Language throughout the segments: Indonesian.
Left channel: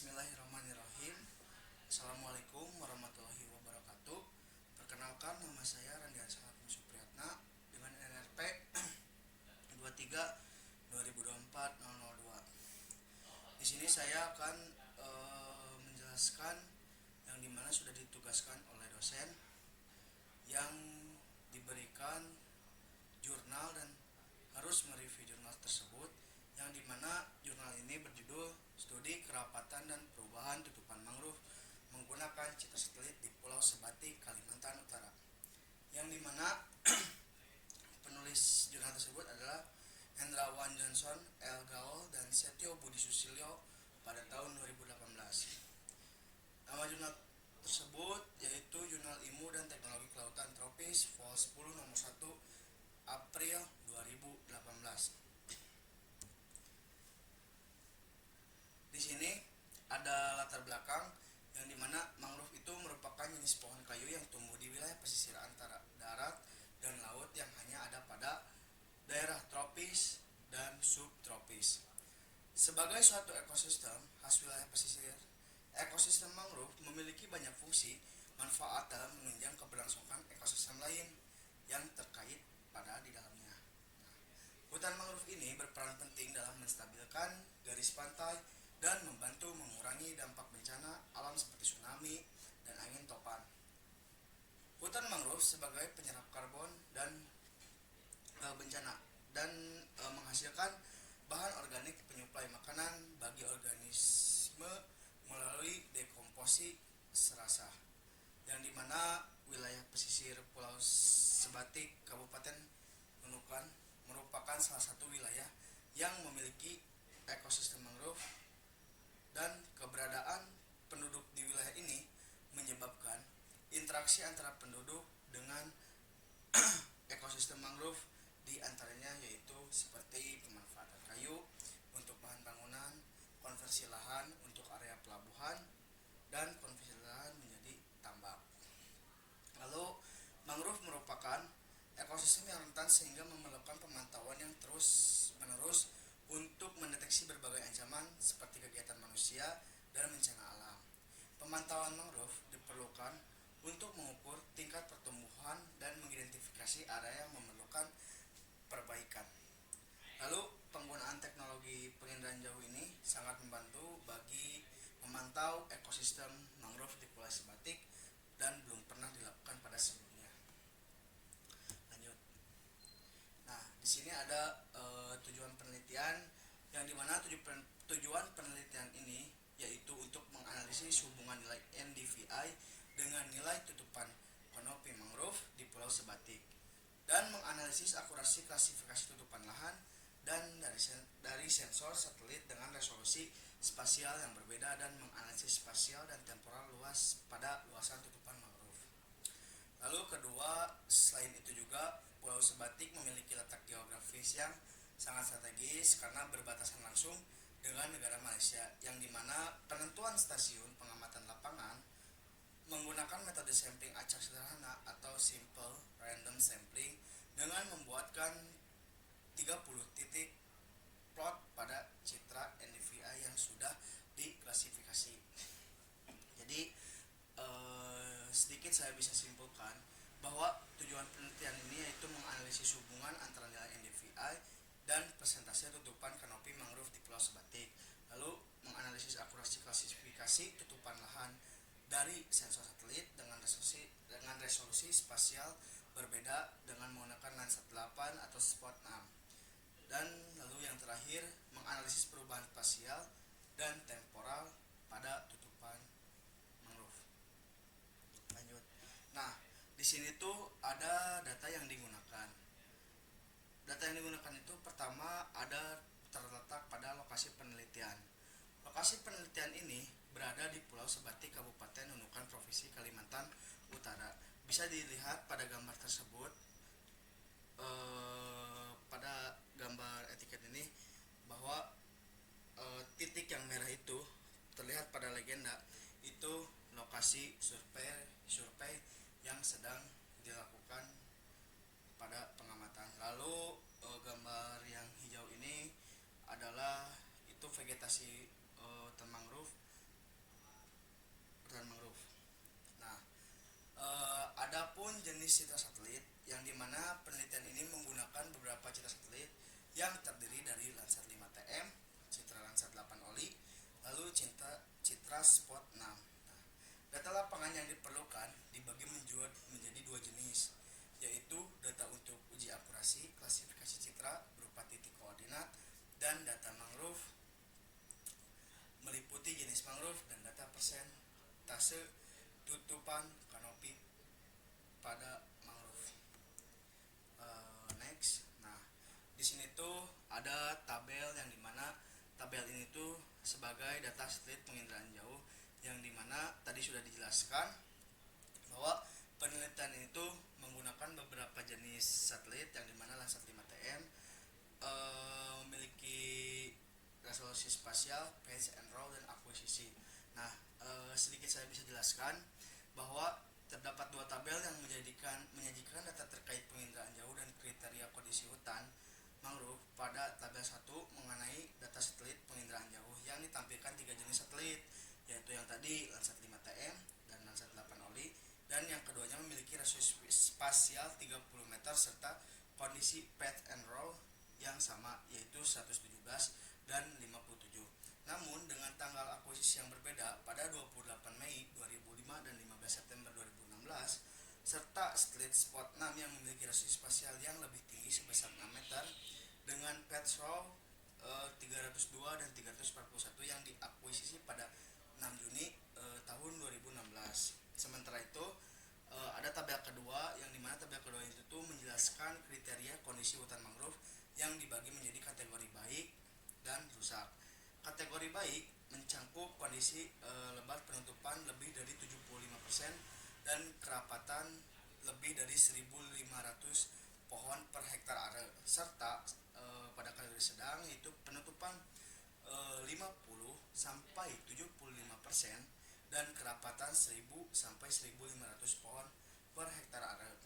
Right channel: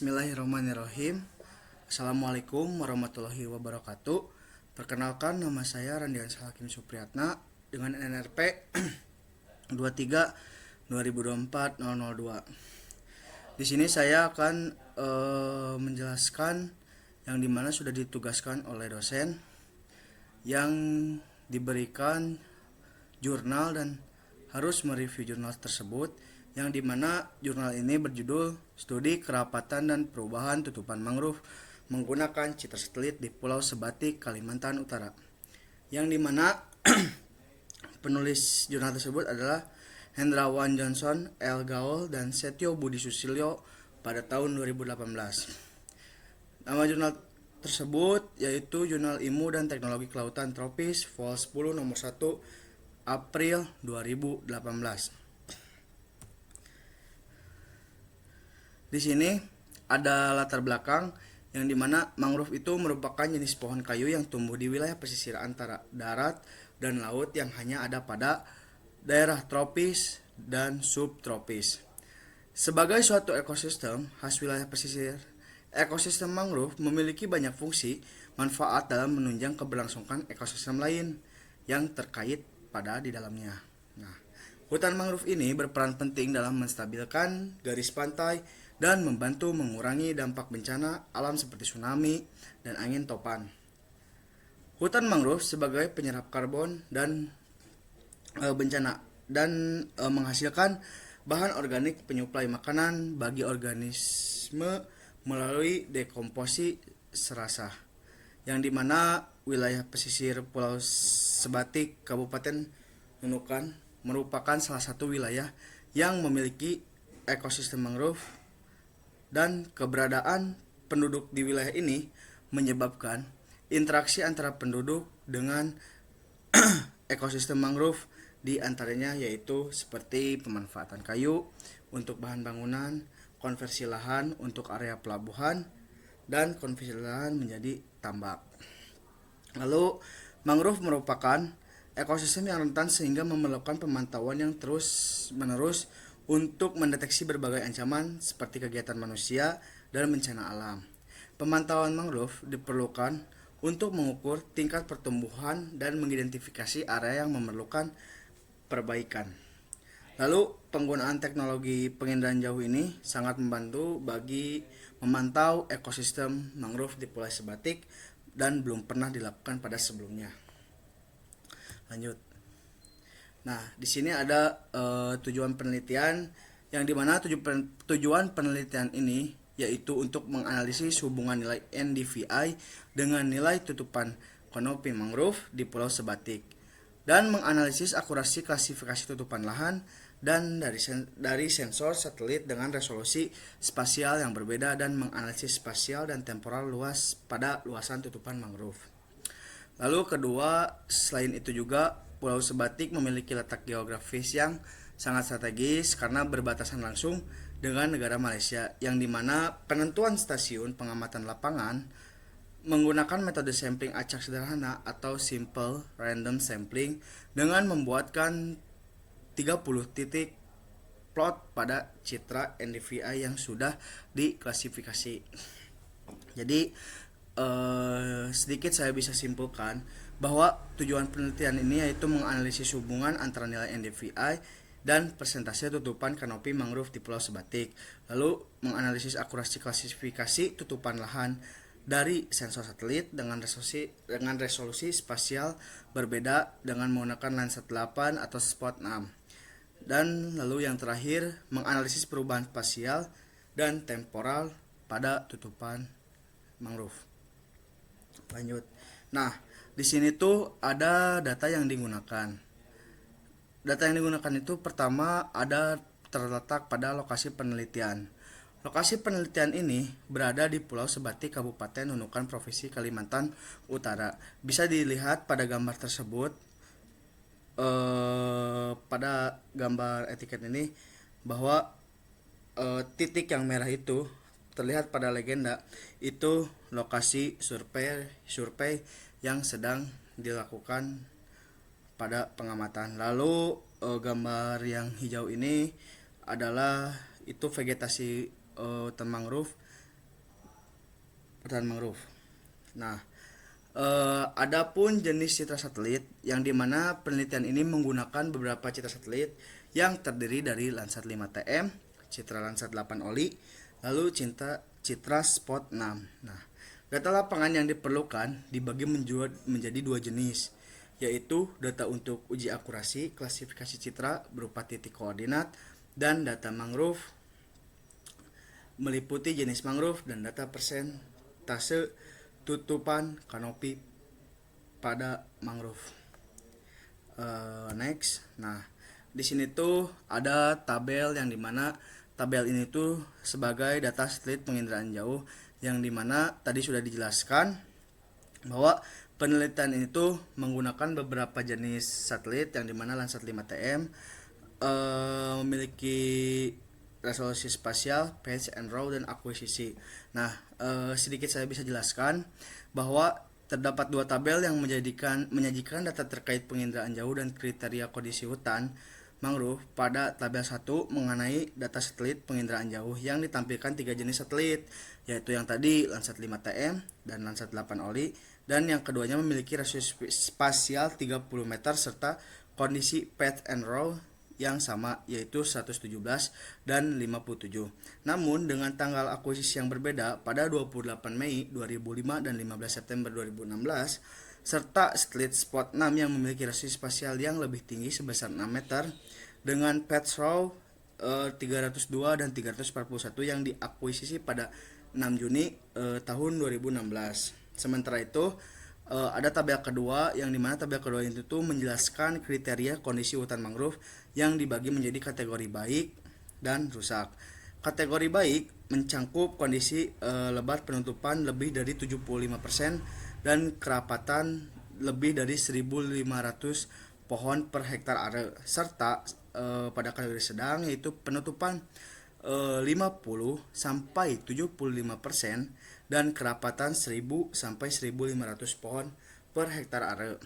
Bismillahirrahmanirrahim. Assalamualaikum warahmatullahi wabarakatuh. Perkenalkan, nama saya Randian Hakim Supriyatna dengan NRP 23 2024 002. Di sini saya akan menjelaskan yang dimana sudah ditugaskan oleh dosen yang diberikan jurnal dan harus mereview jurnal tersebut, yang dimana jurnal ini berjudul Studi Kerapatan dan Perubahan Tutupan Mangrove menggunakan citra satelit di Pulau Sebatik, Kalimantan Utara, yang dimana penulis jurnal tersebut adalah Hendrawan Johnson, L. Gaul, dan Setio Budi Susilyo pada tahun 2018. Nama jurnal tersebut yaitu Jurnal Ilmu dan Teknologi Kelautan Tropis Vol 10 nomor 1 April 2018. Di sini ada latar belakang yang dimana mangrove itu merupakan jenis pohon kayu yang tumbuh di wilayah pesisir antara darat dan laut yang hanya ada pada daerah tropis dan subtropis. Sebagai suatu ekosistem khas wilayah pesisir, ekosistem mangrove memiliki banyak fungsi manfaat dalam menunjang keberlangsungan ekosistem lain yang terkait pada di dalamnya. Nah, hutan mangrove ini berperan penting dalam menstabilkan garis pantai dan membantu mengurangi dampak bencana alam seperti tsunami dan angin topan. Hutan mangrove sebagai penyerap karbon dan bencana dan menghasilkan bahan organik penyuplai makanan bagi organisme melalui dekomposisi serasa, yang dimana wilayah pesisir Pulau Sebatik Kabupaten Nunukan merupakan salah satu wilayah yang memiliki ekosistem mangrove, dan keberadaan penduduk di wilayah ini menyebabkan interaksi antara penduduk dengan ekosistem mangrove, di antaranya yaitu seperti pemanfaatan kayu untuk bahan bangunan, konversi lahan untuk area pelabuhan, dan konversi lahan menjadi tambak. Lalu, mangrove merupakan ekosistem yang rentan sehingga memerlukan pemantauan yang terus-menerus untuk mendeteksi berbagai ancaman seperti kegiatan manusia dan bencana alam. Pemantauan mangrove diperlukan untuk mengukur tingkat pertumbuhan dan mengidentifikasi area yang memerlukan perbaikan. Lalu, penggunaan teknologi penginderaan jauh ini sangat membantu bagi memantau ekosistem mangrove di Pulau Sebatik dan belum pernah dilakukan pada sebelumnya. Lanjut. Nah, di sini ada tujuan penelitian, yang dimana tujuan penelitian ini yaitu untuk menganalisis hubungan nilai NDVI dengan nilai tutupan kanopi mangrove di Pulau Sebatik, dan menganalisis akurasi klasifikasi tutupan lahan dan dari sensor satelit dengan resolusi spasial yang berbeda, dan menganalisis spasial dan temporal luas pada luasan tutupan mangrove. Lalu kedua, selain itu juga Pulau Sebatik memiliki letak geografis yang sangat strategis karena berbatasan langsung dengan negara Malaysia, yang dimana penentuan stasiun pengamatan lapangan menggunakan metode sampling acak sederhana atau simple random sampling dengan membuatkan 30 titik plot pada citra NDVI yang sudah diklasifikasi. Jadi sedikit saya bisa simpulkan bahwa tujuan penelitian ini yaitu menganalisis hubungan antara nilai NDVI dan persentase tutupan kanopi mangrove di Pulau Sebatik, lalu menganalisis akurasi klasifikasi tutupan lahan dari sensor satelit dengan resolusi spasial berbeda dengan menggunakan lensa 8 atau spot 6, dan lalu yang terakhir menganalisis perubahan spasial dan temporal pada tutupan mangrove. Lanjut. Nah, di sini tuh ada data yang digunakan. Data yang digunakan itu pertama ada terletak pada lokasi penelitian. Lokasi penelitian ini berada di Pulau Sebatik, Kabupaten Nunukan, Provinsi Kalimantan Utara. Bisa dilihat pada gambar tersebut, pada gambar etiket ini, bahwa titik yang merah itu terlihat pada legenda itu lokasi survei yang sedang dilakukan pada pengamatan. Lalu gambar yang hijau ini adalah itu vegetasi hutan mangrove hutan mangrove. Nah, adapun jenis citra satelit yang dimana penelitian ini menggunakan beberapa citra satelit yang terdiri dari Landsat 5TM, Citra Landsat 8 Oli, lalu Citra Spot 6. Nah, data lapangan yang diperlukan dibagi menjadi dua jenis, yaitu data untuk uji akurasi klasifikasi citra berupa titik koordinat dan data mangrove meliputi jenis mangrove dan data persentase tutupan kanopi pada mangrove. Next, nah di sini tuh ada tabel yang dimana tabel ini tuh sebagai data satelit penginderaan jauh yang dimana tadi sudah dijelaskan bahwa penelitian ini tuh menggunakan beberapa jenis satelit yang dimana Landsat 5TM memiliki resolusi spasial, patch and row dan akuisisi. Nah, sedikit saya bisa jelaskan bahwa terdapat dua tabel yang menyajikan data terkait penginderaan jauh dan kriteria kondisi hutan mangrove. Pada tabel 1 mengenai data satelit penginderaan jauh yang ditampilkan tiga jenis satelit, yaitu yang tadi Landsat 5TM dan Landsat 8 Oli, dan yang keduanya memiliki resolusi spasial 30 meter serta kondisi patch and row yang sama, yaitu 117 dan 57. Namun dengan tanggal akuisisi yang berbeda pada 28 Mei 2005 dan 15 September 2016, serta satelit Spot 6 yang memiliki resolusi spasial yang lebih tinggi sebesar 6 meter dengan patch row 302 dan 341 yang diakuisisi pada 6 Juni tahun 2016. Sementara itu ada tabel kedua yang dimana tabel kedua itu tuh menjelaskan kriteria kondisi hutan mangrove yang dibagi menjadi kategori baik dan rusak. Kategori baik mencakup kondisi lebat penutupan lebih dari 75% dan kerapatan lebih dari 1.500 pohon per hektar area, serta pada kategori sedang yaitu penutupan 50 sampai 75% dan kerapatan 1.000 sampai 1.500 pohon per hektar area.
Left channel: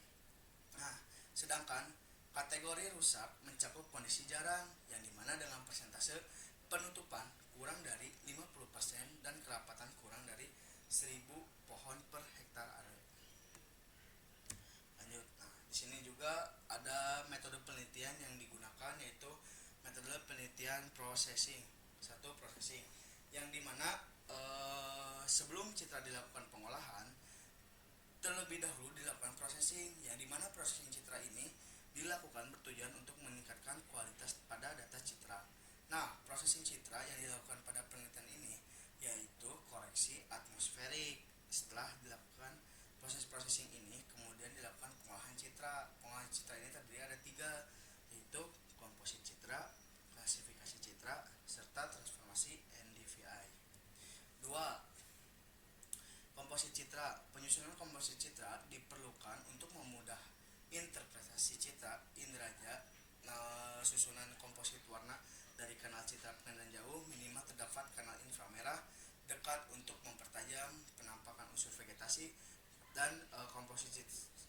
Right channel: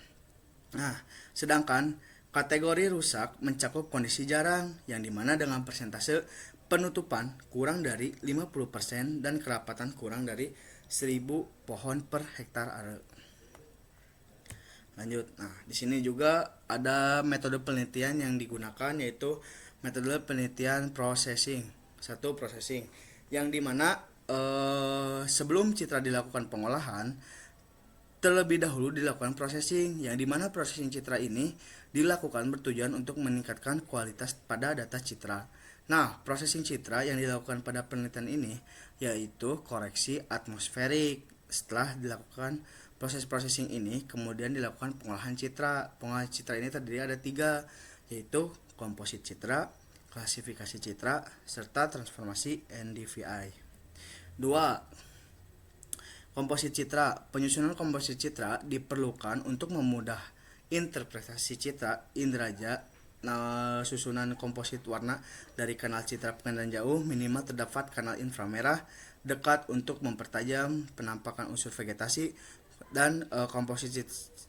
Nah, sedangkan kategori rusak mencakup kondisi jarang yang dimana dengan persentase penutupan kurang dari 50% dan kerapatan kurang dari 1.000 pohon per hektar area. Lanjut. Nah, di sini juga ada metode penelitian yang digunakan, yaitu metode penelitian processing. Satu, processing yang dimana sebelum citra dilakukan pengolahan terlebih dahulu dilakukan processing, yang dimana processing citra ini dilakukan bertujuan untuk meningkatkan kualitas pada data citra. Nah, processing citra yang dilakukan pada penelitian ini yaitu koreksi atmosferik. Setelah dilakukan proses processing ini, kemudian dilakukan pengolahan citra. Pengolahan citra ini terdiri ada tiga, yaitu komposit citra, klasifikasi citra, serta transformasi NDVI. 2. Komposit citra. Penyusunan komposit citra diperlukan untuk memudah interpretasi citra inderaja. Susunan komposit warna dari kanal citra penginderaan jauh minimal terdapat kanal inframerah dekat untuk mempertajam penampakan unsur vegetasi, dan komposit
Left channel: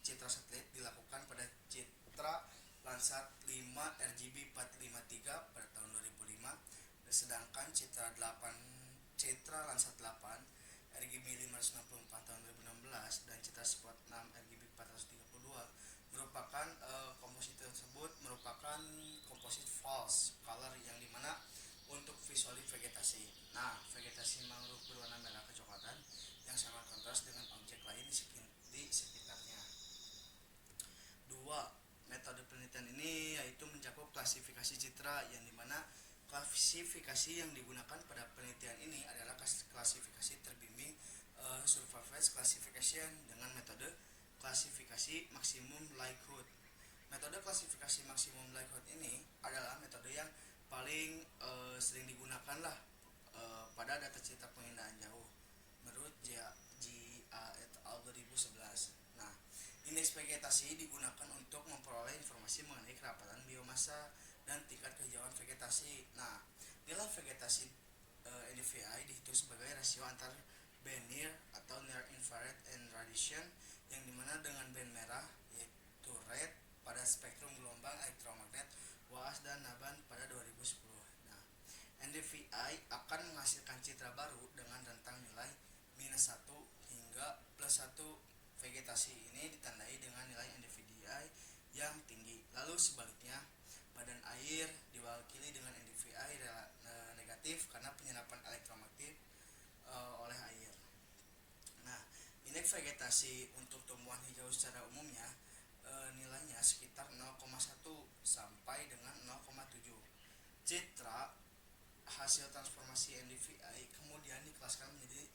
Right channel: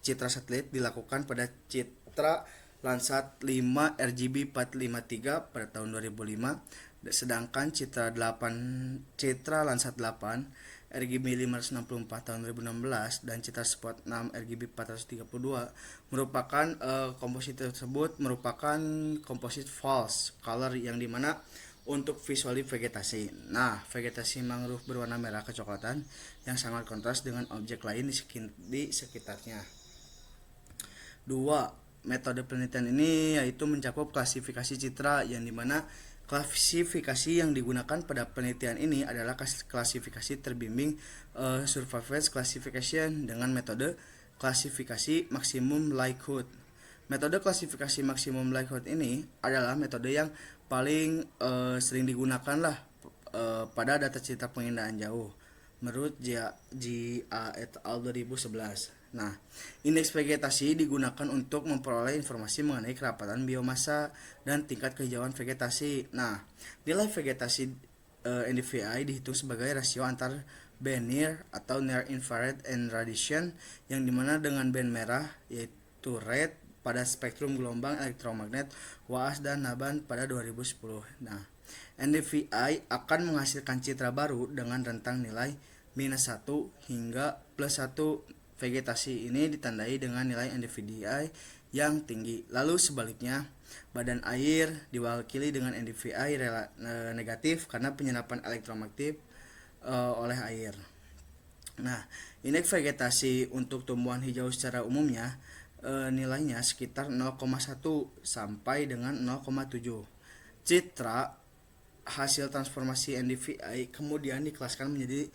citra satelit dilakukan pada citra Landsat 5 RGB 453 pada tahun 2005, sedangkan citra Landsat 8 RGB 564 tahun 2016 dan citra Spot 6 RGB 432 merupakan komposit tersebut merupakan komposit false color yang dimana untuk visual vegetasi. Nah, vegetasi mangrove berwarna merah kecoklatan yang sangat kontras dengan objek lain di sekitarnya. 2. Metode penelitian ini yaitu mencakup klasifikasi citra, yang dimana klasifikasi yang digunakan pada penelitian ini adalah klasifikasi terbimbing surface classification dengan metode klasifikasi maksimum likelihood. Metode klasifikasi maksimum likelihood ini adalah metode yang paling sering digunakan lah pada data citra penginderaan jauh menurut G.A. et al. 2011. Nah, indeks vegetasi digunakan untuk memperoleh informasi mengenai kerapatan biomasa dan tingkat kehijauan vegetasi. Nah, nilai vegetasi NDVI dihitung sebagai rasio antar band near atau near infrared and radiation, yang dimana dengan band merah yaitu red pada spektrum gelombang elektromagnet WAAS dan Naban pada 2010. Nah, NDVI akan menghasilkan citra baru dengan rentang nilai -1 hingga +1. Vegetasi ini ditandai dengan nilai NDVI yang tinggi. Lalu sebaliknya, badan air diwakili dengan NDVI negatif karena penyerapan elektromagnetik oleh air. Nah, indeks vegetasi untuk tumbuhan hijau secara umumnya nilainya sekitar 0,1 sampai dengan 0,7. Citra hasil transformasi NDVI kemudian dikelaskan menjadi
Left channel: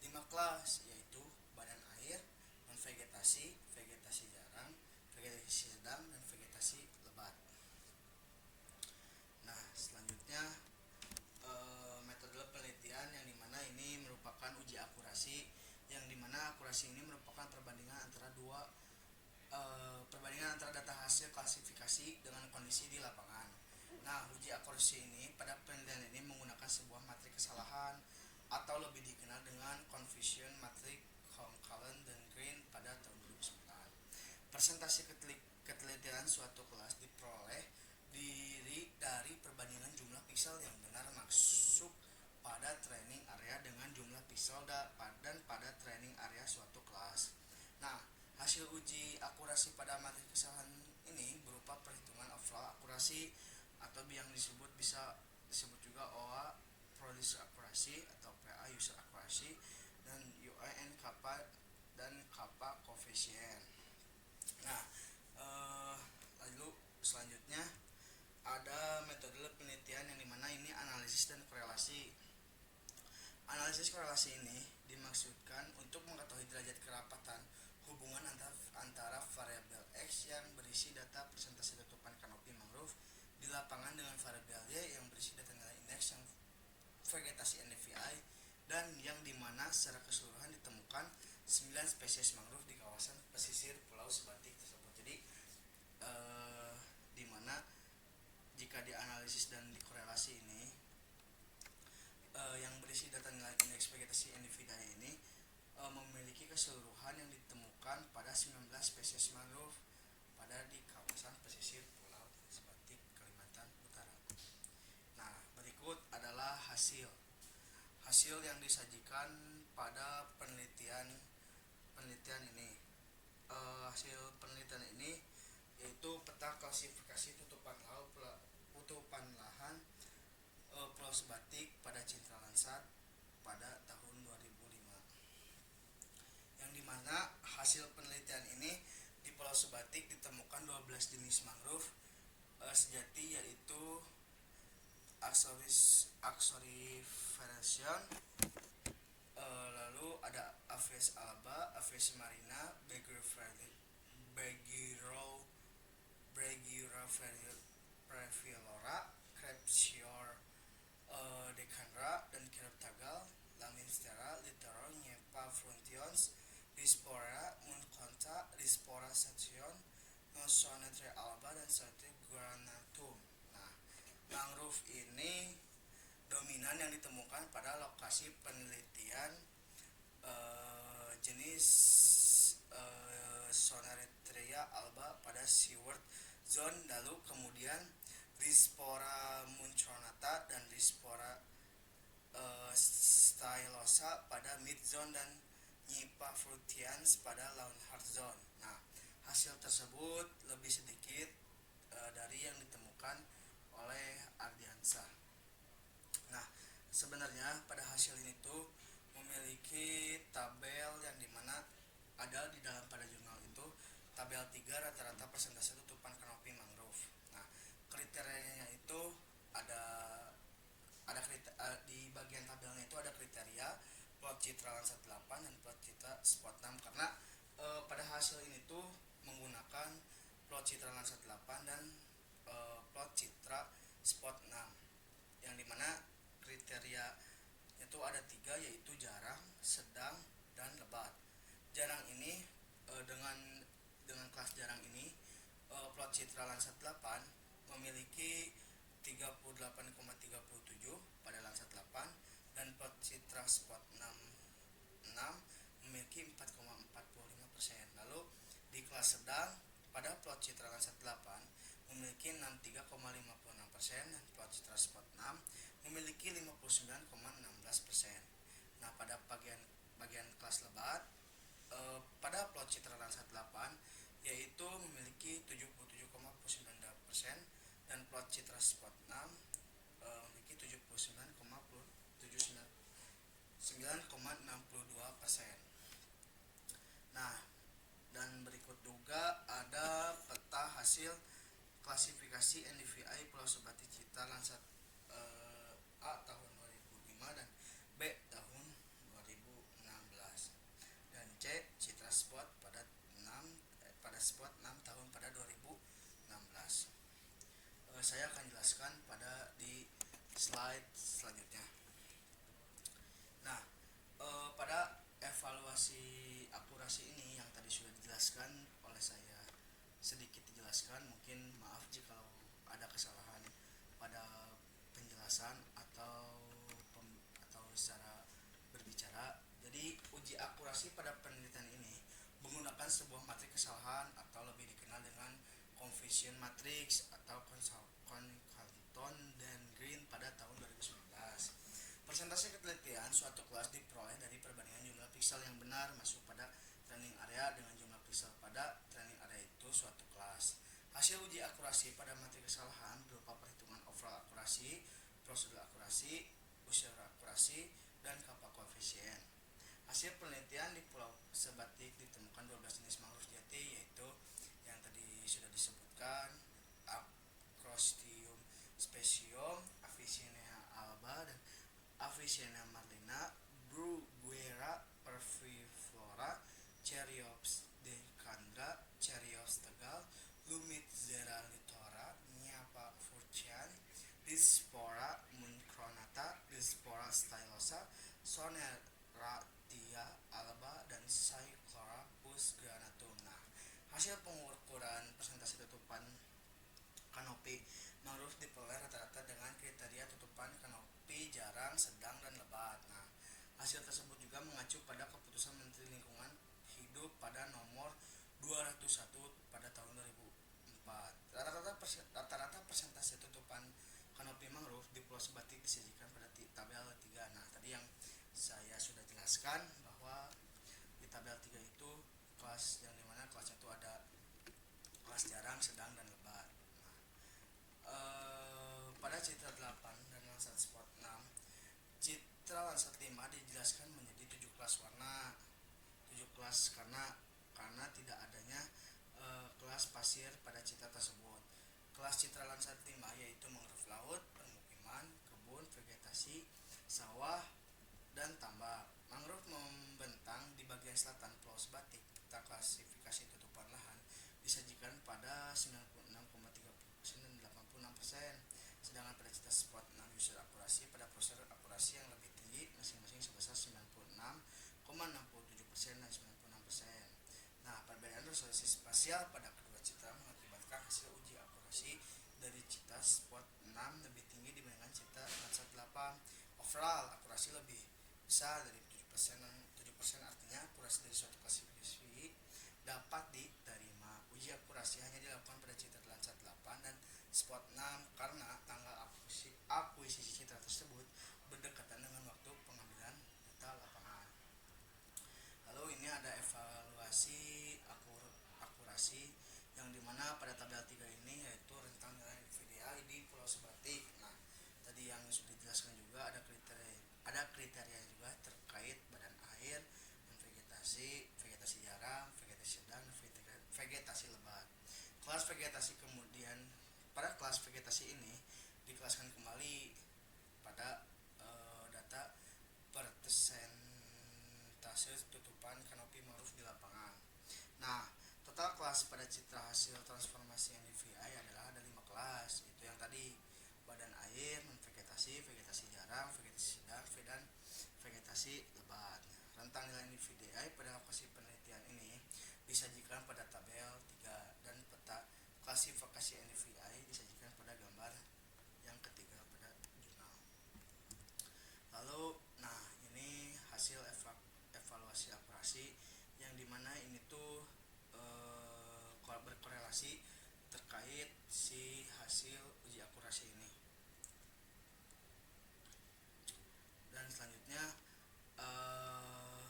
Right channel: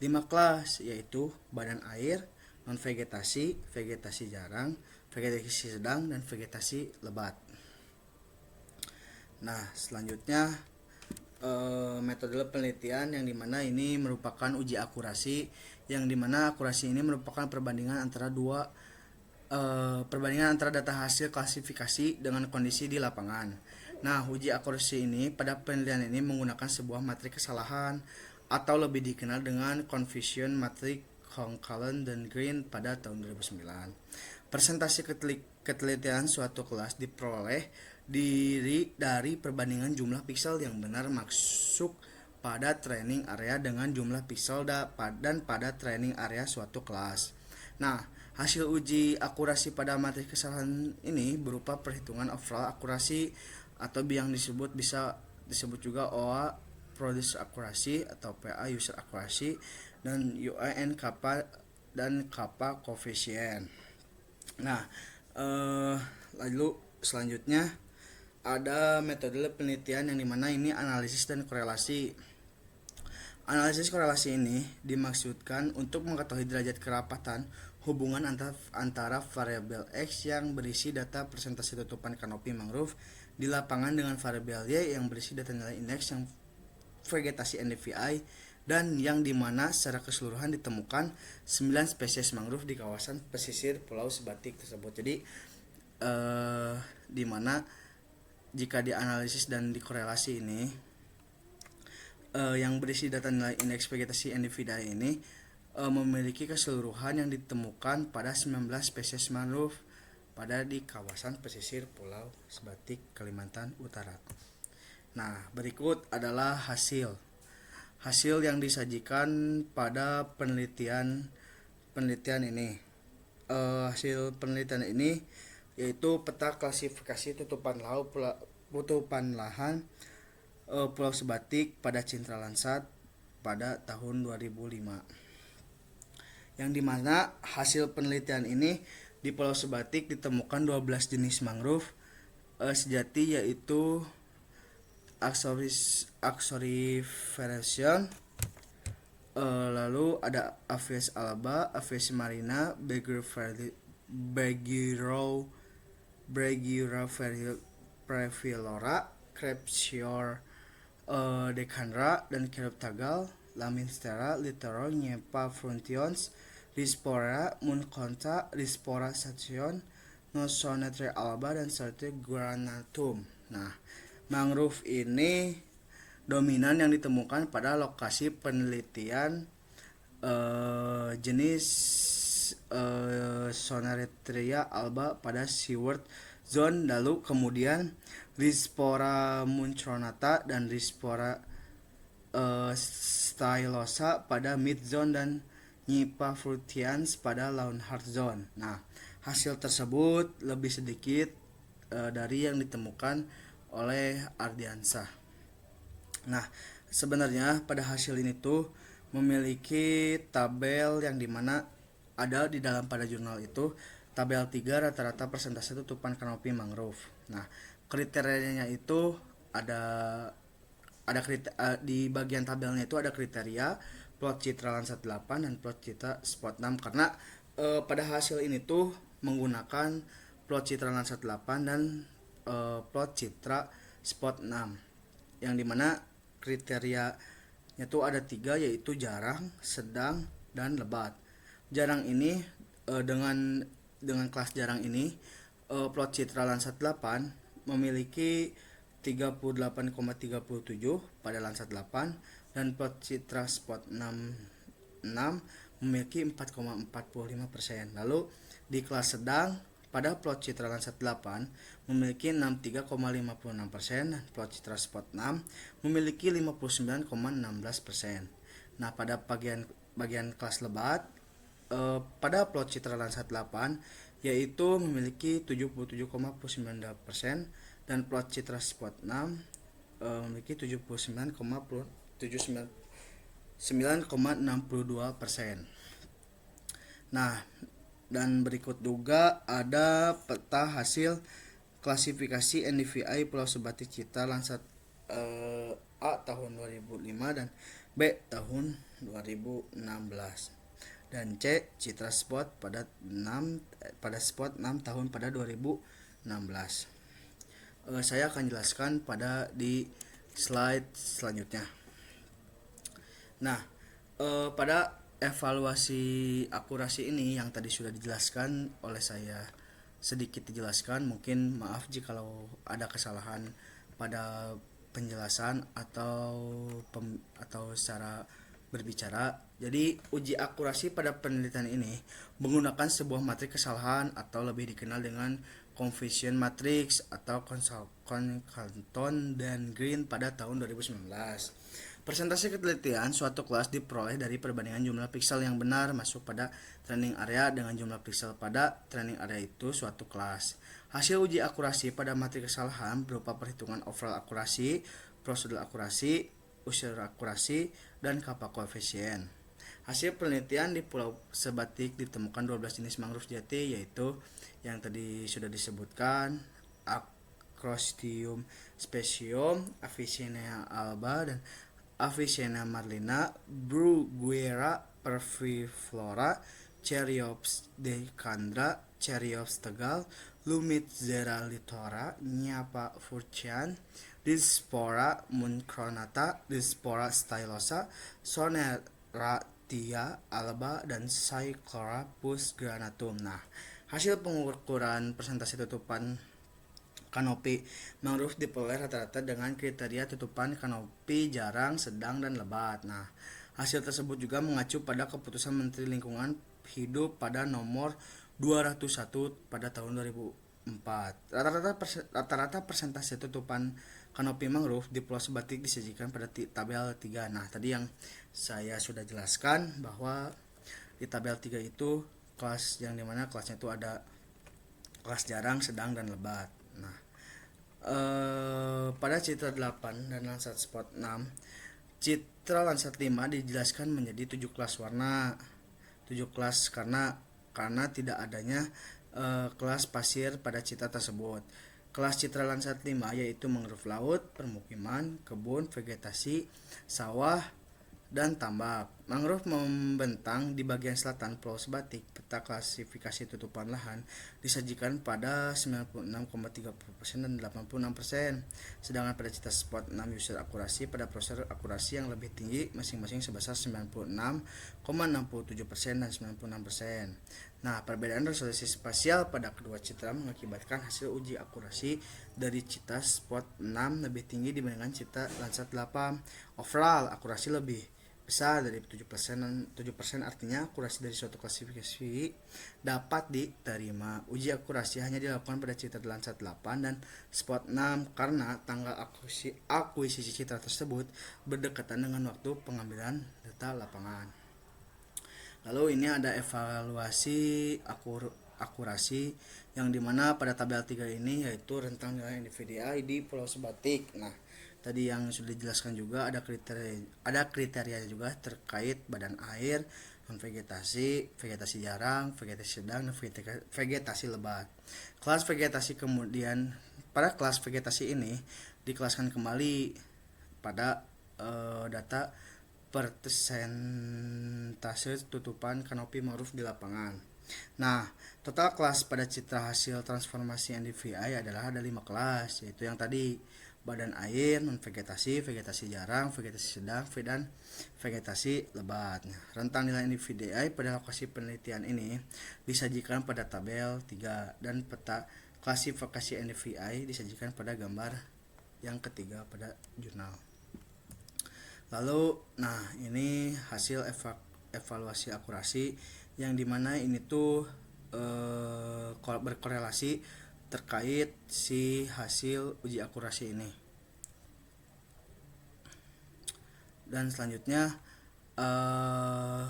5 kelas, yaitu badan air, non vegetasi, vegetasi jarang, vegetasi sedang, dan vegetasi lebat. Nah, selanjutnya metode penelitian yang dimana ini merupakan uji akurasi, yang dimana akurasi ini merupakan perbandingan antara data hasil klasifikasi dengan kondisi di lapangan. Nah, uji akurasi ini pada penelitian ini menggunakan sebuah matrik kesalahan atau lebih dikenal dengan confusion matrix Concalon dan Green pada tahun 2009. Persentase ketelitian suatu kelas diperoleh dari perbandingan jumlah piksel yang benar masuk pada training area dengan jumlah piksel dan pada training area suatu kelas. Nah, hasil uji akurasi pada materi kesalahan ini berupa perhitungan overall akurasi atau yang bisa disebut juga OA producer accuracy atau PA user accuracy dan UAN kappa dan kappa coefficient. Nah, lalu selanjutnya ada metode penelitian yang dimana ini analisis dan korelasi. Analisis korelasi ini dimaksudkan untuk mengetahui derajat kerapatan hubungan antara variabel X yang berisi data persentase tutupan kanopi mangrove di lapangan dengan variabel Y yang berisi data nilai indeks yang vegetasi NDVI, dan yang dimana secara keseluruhan ditemukan 9 spesies mangrove di kawasan pesisir Pulau Sebatik tersebut. Jadi dimana jika dianalisis dan dikorelasi ini yang berisi data nilai indeks vegetasi NDVI ini memiliki keseluruhan yang ditemukan pada 19 spesies mangrove pada di kawasan pesisir Pulau Sebatik Kalimantan Utara. Nah, berikut adalah hasil yang disajikan pada penelitian ini. Hasil penelitian ini yaitu peta klasifikasi tutupan lahan Pulau Sebatik pada Cintra Lansat pada tahun 2005. Yang dimana hasil penelitian ini di Pulau Sebatik ditemukan 12 jenis mangrove sejati, yaitu Axoriferation, lalu ada Aves alba, Aves marina, Brachyura, Crepsior decandra, dan Chiroptagal, Laminstera, Littoral, Nyepa Fruntions, Rispora Munconta, Rispora Station, Nosonetre alba, dan Sarte granatum. Nah, mangrove ini dominan yang ditemukan pada lokasi penelitian jenis Soneretria alba pada Seaward Zone, lalu kemudian Rispora muncronata dan Rispora stylosa pada Mid Zone dan Nyepa frutians pada Lawnhard Zone. Nah, hasil tersebut lebih sedikit dari yang ditemukan oleh Ardiansah. Nah, sebenarnya pada hasil ini tuh memiliki tabel yang dimana ada di dalam pada jurnal itu tabel 3 rata-rata persentase tutupan kanopi mangrove. Nah, kriterianya itu di bagian tabelnya itu ada kriteria plot Citra Lansat 8 dan plot Citra Spot 6 karena pada hasil ini tuh menggunakan plot Citra Lansat 8 dan plot Citra Spot 6, yang dimana kriterianya itu ada 3, yaitu jarang, sedang, dan lebat. Jarang ini dengan kelas jarang ini plot Citra Lansat 8 memiliki 38,37 pada Lansat 8 dan plot Citra Spot 6 memiliki 4,45%. Lalu di kelas sedang pada plot Citra Lansat 8 memiliki 63,56% dan plot Citra Spot 6 memiliki 59,16%. Nah, pada bagian kelas lebat, pada plot citra Landsat 8 yaitu memiliki 77,9% dan plot citra spot 6 memiliki 79,62%. Nah, dan berikut juga ada peta hasil klasifikasi NDVI Pulau Sebatik Citra Landsat A tahun 2005 dan B tahun 2016 dan C Citra Spot pada spot 6 tahun pada 2016. Saya akan jelaskan pada di slide selanjutnya. Nah, pada evaluasi akurasi ini yang tadi sudah dijelaskan oleh saya, sedikit dijelaskan, mungkin maaf jika ada kesalahan pada penjelasan atau secara berbicara. Jadi uji akurasi pada penelitian ini menggunakan sebuah matriks kesalahan atau lebih dikenal dengan Confusion Matrix atau Canton dan Green pada tahun 2019. Persentase ketelitian suatu kelas diperoleh dari perbandingan jumlah piksel yang benar masuk pada training area dengan jumlah piksel pada training area itu suatu kelas. Hasil uji akurasi pada matriks kesalahan berupa perhitungan overall akurasi, prosedur akurasi, unsur akurasi, dan kappa koefisien. Hasil penelitian di Pulau Sebatik ditemukan 12 jenis mangrove jati, yaitu yang tadi sudah disebutkan Acrostium specium, Avicennia alba, dan Avicennia marlina, Bruguiera perfiflora, Cheriops decandra, Cheriops tegal, Lumitzera litora, Nyapa furcian, Dispora muncronata, Dispora stylosa, Soneratia alba, dan Cyclorapus granatum. Nah, hasil pengukuran persentase tutupan kanopi mangrove diperoleh rata-rata dengan kriteria tutupan kanopi jarang, sedang, dan lebat. Nah, hasil tersebut juga mengacu pada keputusan Menteri Lingkungan Hidup pada nomor 201 pada tahun 2004. Rata-rata persentase tutupan kanopi mangrove di Pulau Sebatik disajikan pada tabel 3. Nah, tadi yang saya sudah jelaskan bahwa di tabel 3 itu kelas yang dimana kelasnya itu ada kelas jarang, sedang, dan lebat. Nah, pada citra 8 dan Landsat spot 6, citra Landsat 5 dijelaskan menjadi 7 kelas warna. 7 kelas karena tidak adanya kelas pasir pada citra tersebut. Kelas citra Landsat 5 yaitu mangrove laut, permukiman, kebun, vegetasi, sawah, dan tambak. Mangrove membentang di bagian selatan Pulau Sebatik. Peta klasifikasi tutupan lahan disajikan pada 96,30% dan 86%. Sedangkan pada citra spot 6 user akurasi pada prosedur akurasi yang lebih tinggi masing-masing sebesar 96,67% dan 96%. Nah, perbedaan resolusi spasial pada kedua citra mengakibatkan hasil uji akurasi dari citra spot 6 lebih tinggi dibandingkan citra Landsat 8. Overall akurasi lebih besar dari 7%, dan 7% artinya akurasi dari suatu klasifikasi dapat diterima. Uji akurasi hanya dilakukan pada citra Landsat 8 dan spot 6 karena tanggal akuisisi citra tersebut berdekatan dengan waktu pengambilan data lapangan. Lalu ini ada evaluasi akurasi yang dimana pada tabel 3 ini yaitu rentang nilai NDVI di Pulau Sebatik. Nah, tadi yang sudah dijelaskan juga ada kriteria juga terkait badan air, vegetasi jarang, vegetasi sedang, dan vegetasi lebat. Kelas vegetasi kemudian pada kelas vegetasi ini dikelaskan kembali pada data persentase tutupan kanopi mangrove di lapangan. Nah, total kelas pada citra hasil transformasi NDVI adalah ada 5 kelas, yaitu yang tadi badan air, non vegetasi, vegetasi jarang, vegetasi sedang, dan vegetasi lebat. Rentang nilai NDVI pada lokasi penelitian ini disajikan pada tabel 3 dan peta klasifikasi NDVI disajikan pada gambar yang ketiga pada jurnal. Lalu, nah ini hasil evaluasi akurasi yang dimana ini tuh berkorelasi terkait si hasil uji akurasi ini. Dan selanjutnya eh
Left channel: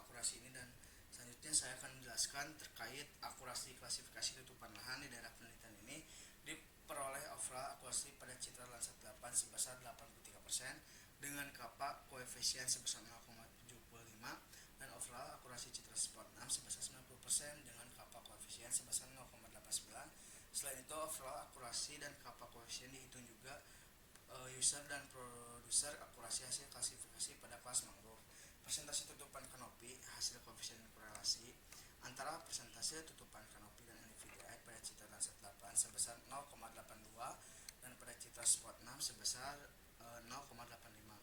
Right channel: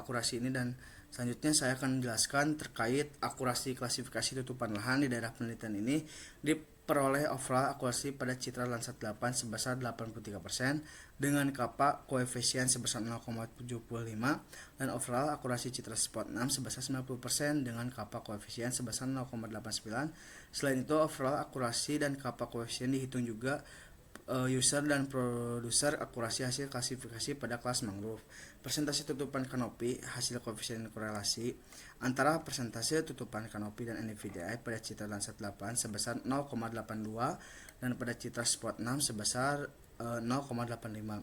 akurasi ini, dan selanjutnya saya akan menjelaskan terkait akurasi klasifikasi tutupan lahan di daerah penelitian ini. Diperoleh overall akurasi pada citra Landsat 8 sebesar 83% dengan kappa koefisien sebesar 0,75, dan overall akurasi citra spot 6 sebesar 90% dengan kappa koefisien sebesar 0,89. Selain itu, overall akurasi dan kappa koefisien dihitung juga user dan produser akurasi hasil klasifikasi pada kelas mangrove. Persentase tutupan kanopi hasil koefisien korelasi antara persentase tutupan kanopi dan NDVI pada citra Landsat 8 sebesar 0,82 dan pada citra spot 6 sebesar 0,85.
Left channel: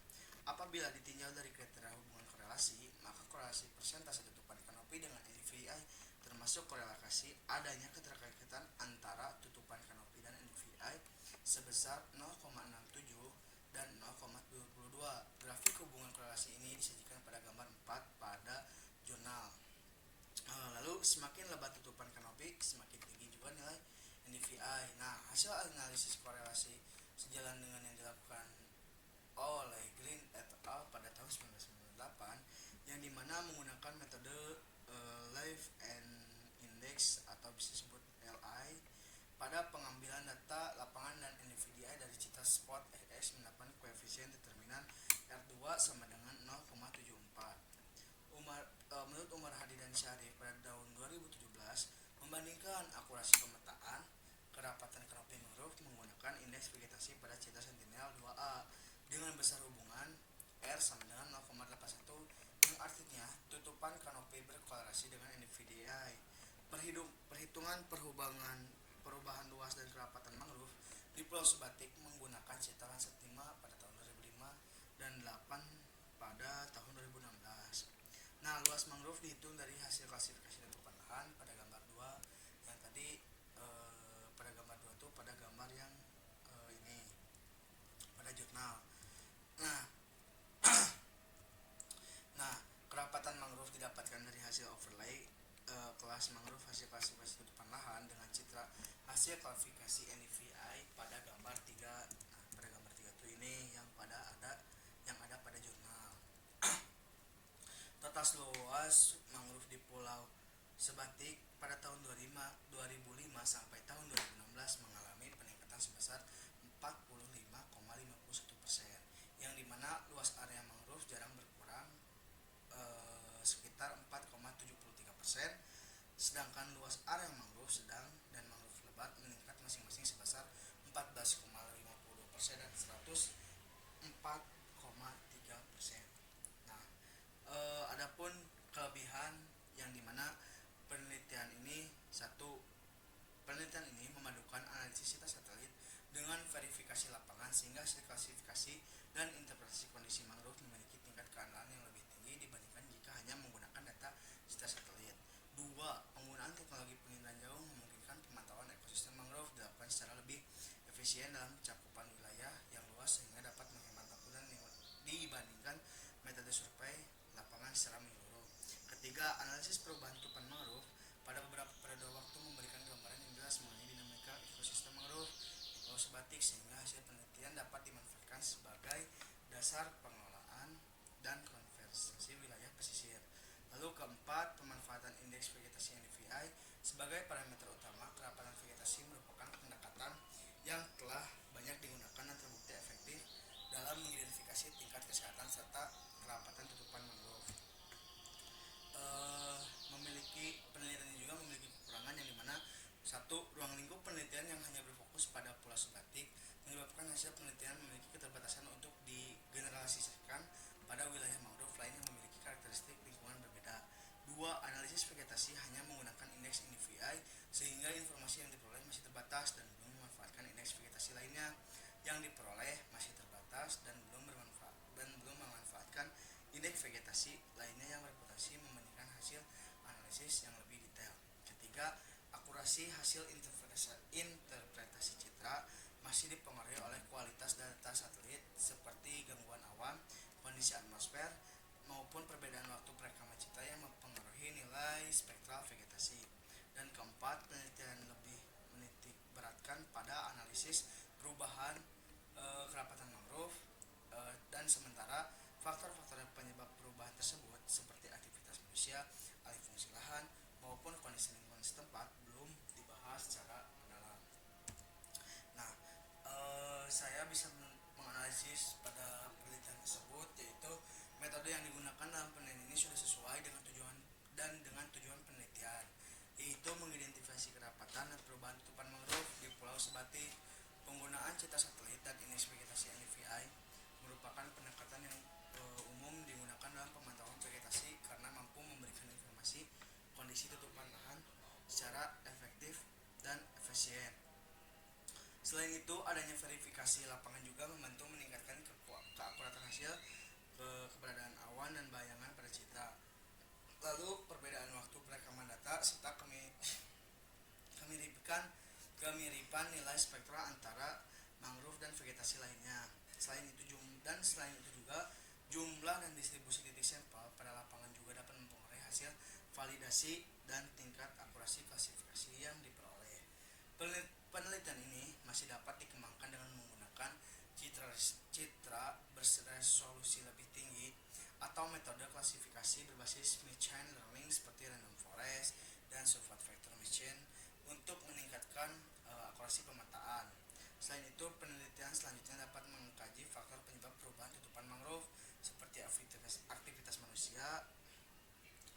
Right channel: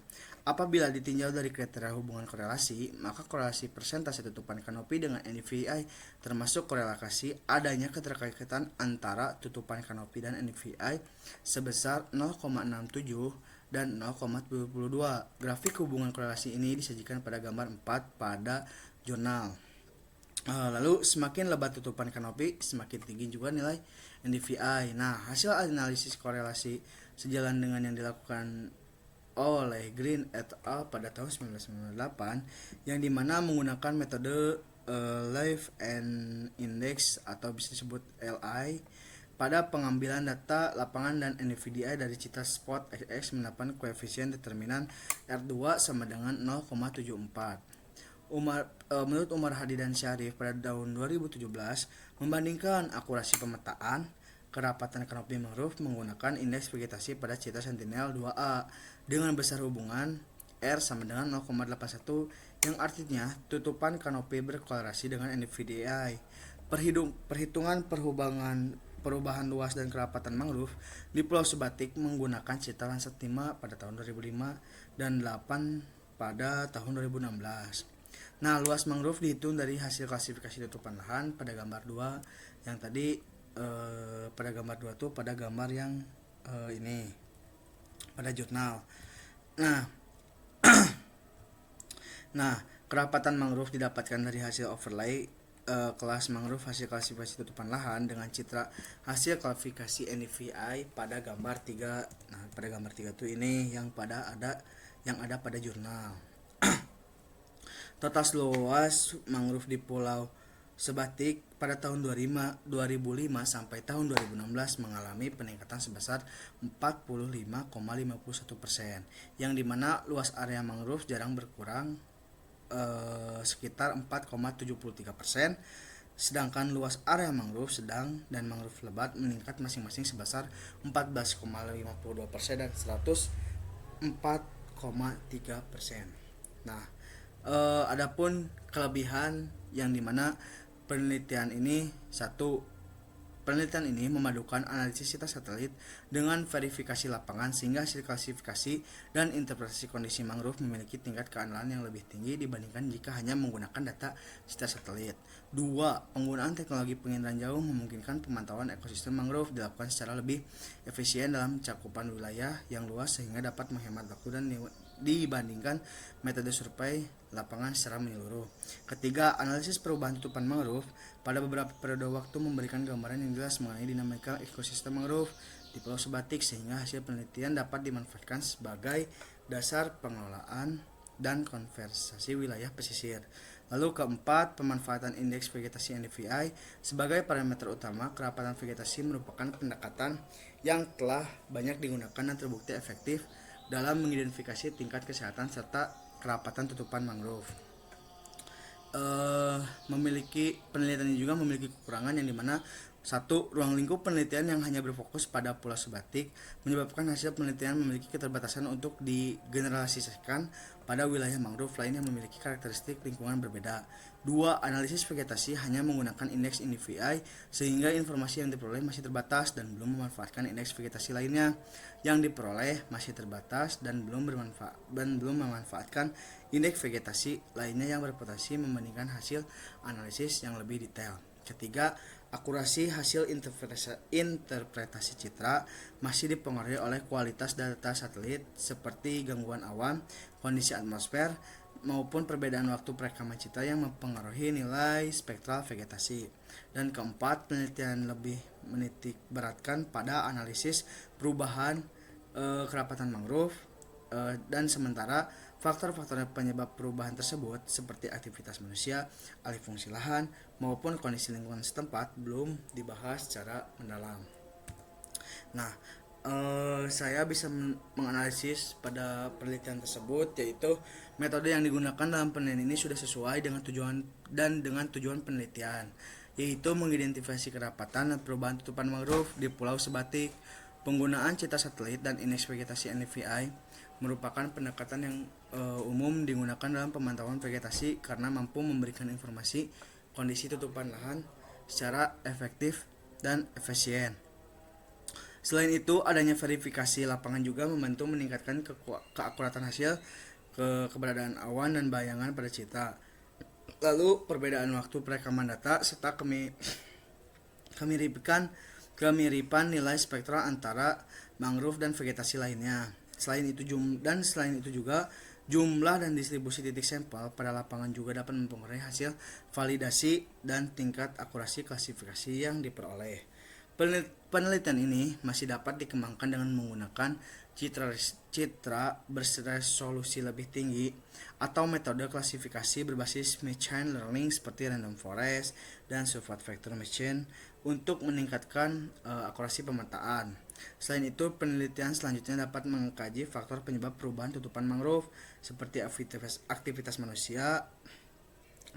Apabila ditinjau dari kriteria hubungan korelasi, maka korelasi persentase tutupan kanopi dengan NDVI termasuk korelasi adanya keterkaitan antara tutupan kanopi dan NDVI sebesar 0,67 dan 0,72. Grafik hubungan korelasi ini disajikan pada gambar 4 pada jurnal. Lalu semakin lebat tutupan kanopi, semakin tinggi juga nilai NDVI. Nah, hasil analisis korelasi sejalan dengan yang dilakukan oleh Green et al. Pada tahun 1998, yang dimana menggunakan metode Live and Index atau bisa disebut LI pada pengambilan data lapangan dan NVDI dari citra spot XX mendapat koefisien determinan R2 sama dengan 0,74. Menurut Umar Hadi dan Syarif pada tahun 2017 membandingkan akurasi pemetaan kerapatan kanopi mangrove menggunakan indeks vegetasi pada citra Sentinel 2A dengan besar hubungan R sama dengan 0,81, yang artinya tutupan kanopi berkorelasi dengan NVDI. Perhitungan perubahan luas dan kerapatan mangrove di Pulau Sebatik menggunakan citra Landsat 5 pada tahun 2005 dan 8 pada tahun 2016. Nah, luas mangrove dihitung dari hasil klasifikasi tutupan lahan pada gambar 2 yang tadi. Pada gambar 2 tuh pada gambar yang ini pada jurnal. Nah, kerapatan mangrove didapatkan dari hasil overlay kelas mangrove hasil klasifikasi tutupan lahan dengan citra hasil klasifikasi NDVI pada gambar 3. Nah, pada gambar 3 tuh ini yang ada pada jurnal. Total luas mangrove di Pulau Sebatik pada tahun 2005 sampai tahun 2016 mengalami peningkatan sebesar 45,51%, yang dimana luas area mangrove jarang berkurang sekitar 4,73%, sedangkan luas area mangrove sedang dan mangrove lebat meningkat masing-masing sebesar 14,52% dan 104,3%. Nah, adapun kelebihan yang dimana penelitian ini memadukan analisis citra satelit dengan verifikasi lapangan sehingga hasil klasifikasi dan interpretasi kondisi mangrove memiliki tingkat keandalan yang lebih tinggi dibandingkan jika hanya menggunakan data citra satelit. 2. Penggunaan teknologi penginderaan jauh memungkinkan pemantauan ekosistem mangrove dilakukan secara lebih efisien dalam cakupan wilayah yang luas sehingga dapat menghemat waktu dan dibandingkan metode survei lapangan secara menyeluruh. Ketiga, analisis perubahan tutupan mangrove pada beberapa periode waktu memberikan gambaran yang jelas mengenai dinamika ekosistem mangrove di Pulau Sebatik sehingga hasil penelitian dapat dimanfaatkan sebagai dasar pengelolaan dan konservasi wilayah pesisir. Lalu keempat, pemanfaatan indeks vegetasi NDVI sebagai parameter utama kerapatan vegetasi merupakan pendekatan yang telah banyak digunakan dan terbukti efektif dalam mengidentifikasi tingkat kesehatan serta kerapatan tutupan mangrove. Penelitian ini juga memiliki kekurangan yang dimana satu, ruang lingkup penelitian yang hanya berfokus pada Pulau Sebatik menyebabkan hasil penelitian memiliki keterbatasan untuk digeneralisasikan pada wilayah mangrove lain yang memiliki karakteristik lingkungan berbeda. 2. Analisis vegetasi hanya menggunakan indeks NDVI sehingga informasi yang diperoleh masih terbatas dan belum memanfaatkan indeks vegetasi lainnya yang diperoleh masih terbatas dan belum memanfaatkan indeks vegetasi lainnya yang berpotensi membandingkan hasil analisis yang lebih detail. Ketiga, akurasi hasil interpretasi citra masih dipengaruhi oleh kualitas data satelit seperti gangguan awan, kondisi atmosfer, maupun perbedaan waktu perekaman citra yang mempengaruhi nilai spektral vegetasi. Dan keempat, penelitian lebih menitik beratkan pada analisis perubahan kerapatan mangrove dan sementara Faktor-faktor penyebab perubahan tersebut seperti aktivitas manusia, alih fungsi lahan, maupun kondisi lingkungan setempat belum dibahas secara mendalam. Nah, saya bisa menganalisis pada penelitian tersebut, yaitu metode yang digunakan dalam penelitian ini sudah sesuai dengan tujuan penelitian, yaitu mengidentifikasi kerapatan dan perubahan tutupan mangrove di Pulau Sebatik. Penggunaan citra satelit dan indeks vegetasi NDVI merupakan pendekatan yang umum digunakan dalam pemantauan vegetasi karena mampu memberikan informasi kondisi tutupan lahan secara efektif dan efisien. Selain itu, adanya verifikasi lapangan juga membantu meningkatkan keakuratan hasil, keberadaan awan dan bayangan pada citra. Lalu, perbedaan waktu perekaman data serta kemiripan nilai spektral antara mangrove dan vegetasi lainnya. Selain itu juga jumlah dan distribusi titik sampel pada lapangan juga dapat mempengaruhi hasil validasi dan tingkat akurasi klasifikasi yang diperoleh. Penelitian ini masih dapat dikembangkan dengan menggunakan citra berresolusi lebih tinggi atau metode klasifikasi berbasis machine learning seperti random forest dan support vector machine untuk meningkatkan akurasi pemetaan. Selain itu, penelitian selanjutnya dapat mengkaji faktor penyebab perubahan tutupan mangrove seperti aktivitas manusia,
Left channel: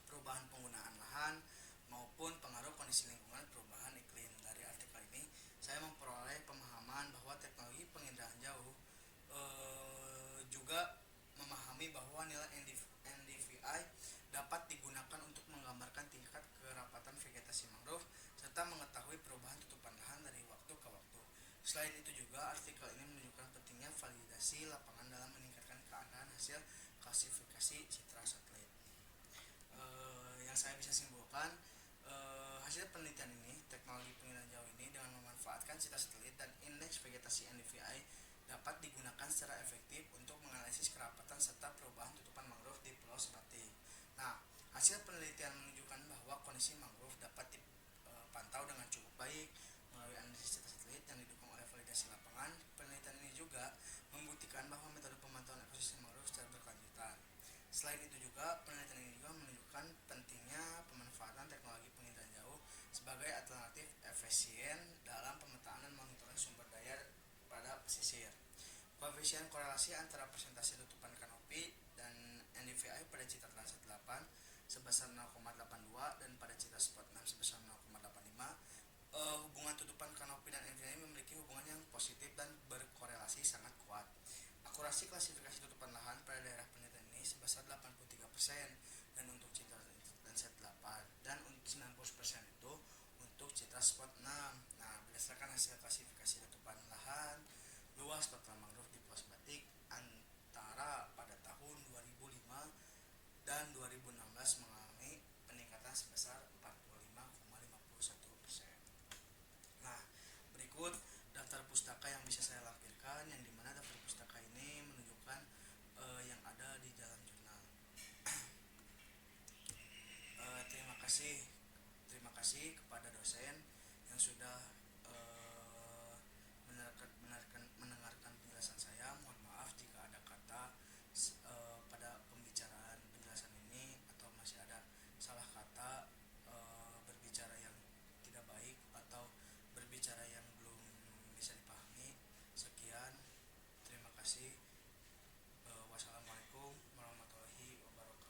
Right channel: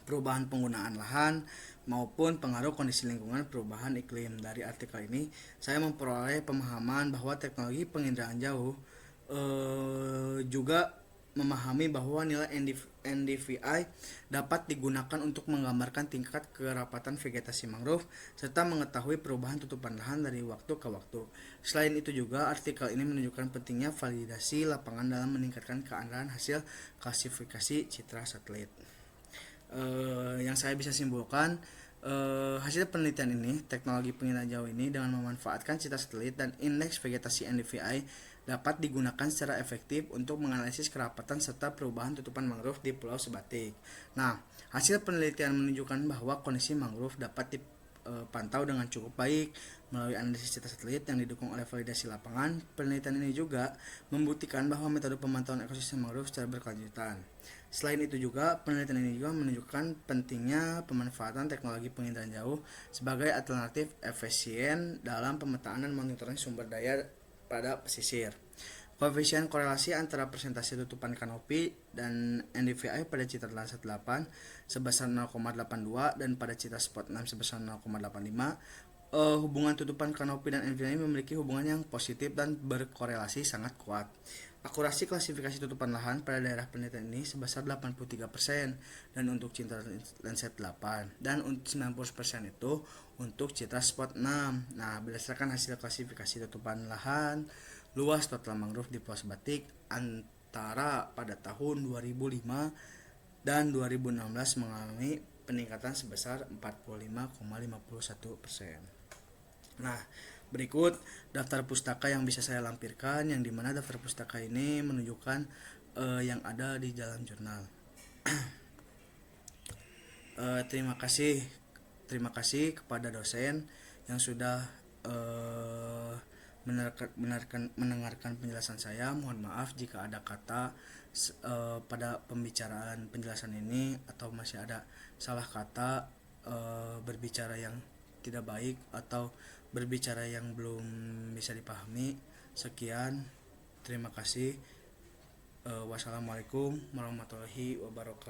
perubahan penggunaan lahan, maupun pengaruh kondisi lingkungan perubahan iklim. Dari artikel ini, saya memperoleh pemahaman bahwa teknologi penginderaan jauh juga memahami bahwa nilai NDVI dapat digunakan untuk menggambarkan tingkat kerapatan vegetasi mangrove serta mengetahui perubahan tutupan lahan dari waktu ke waktu. Selain itu juga, artikel ini menunjukkan pentingnya validasi lapangan dalam meningkatkan keandalan hasil klasifikasi citra satelit. Yang saya bisa simpulkan, hasil penelitian ini, teknologi penginderaan jauh ini dengan memanfaatkan citra satelit dan indeks vegetasi NDVI dapat digunakan secara efektif untuk menganalisis kerapatan serta perubahan tutupan mangrove di Pulau Sebatik. Nah, hasil penelitian menunjukkan bahwa kondisi mangrove dapat dipantau dengan cukup baik melalui analisis citra satelit yang didukung oleh validasi lapangan. Penelitian ini juga membuktikan bahwa metode pemantauan ekosistem mangrove secara berkelanjutan. Selain itu juga, penelitian ini juga menunjukkan pentingnya pemanfaatan teknologi penginderaan jauh sebagai alternatif efisien dalam pemetaan dan monitoring sumber daya pada pesisir. Koefisien korelasi antara persentase tutupan kanopi dan NDVI pada citra Landsat 8 sebesar 0,82 dan pada citra Spot 6 sebesar 0,85. Hubungan tutupan kanopi dan NDVI memiliki hubungan yang positif dan berkorelasi sangat kuat. Akurasi klasifikasi tutupan lahan pada daerah penelitian ini sebesar 83% dan untuk citra Landsat 8 dan 90% itu untuk citra Spot 6. Nah, berdasarkan hasil klasifikasi tutupan lahan, luas total mangrove di Pulau Sebatik antara pada tahun 2005 dan 2016 mengalami peningkatan sebesar 45,51%. Nah, berikut daftar pustaka yang bisa saya lampirkan, yang dimana daftar pustaka ini menunjukkan yang ada di dalam jurnal. Terima kasih kepada dosen yang sudah mendengarkan penjelasan saya. Mohon maaf jika ada kata pada pembicaraan penjelasan ini atau masih ada salah kata, berbicara yang tidak baik atau berbicara yang belum bisa dipahami. Sekian, terima kasih. Wassalamualaikum warahmatullahi wabarakatuh.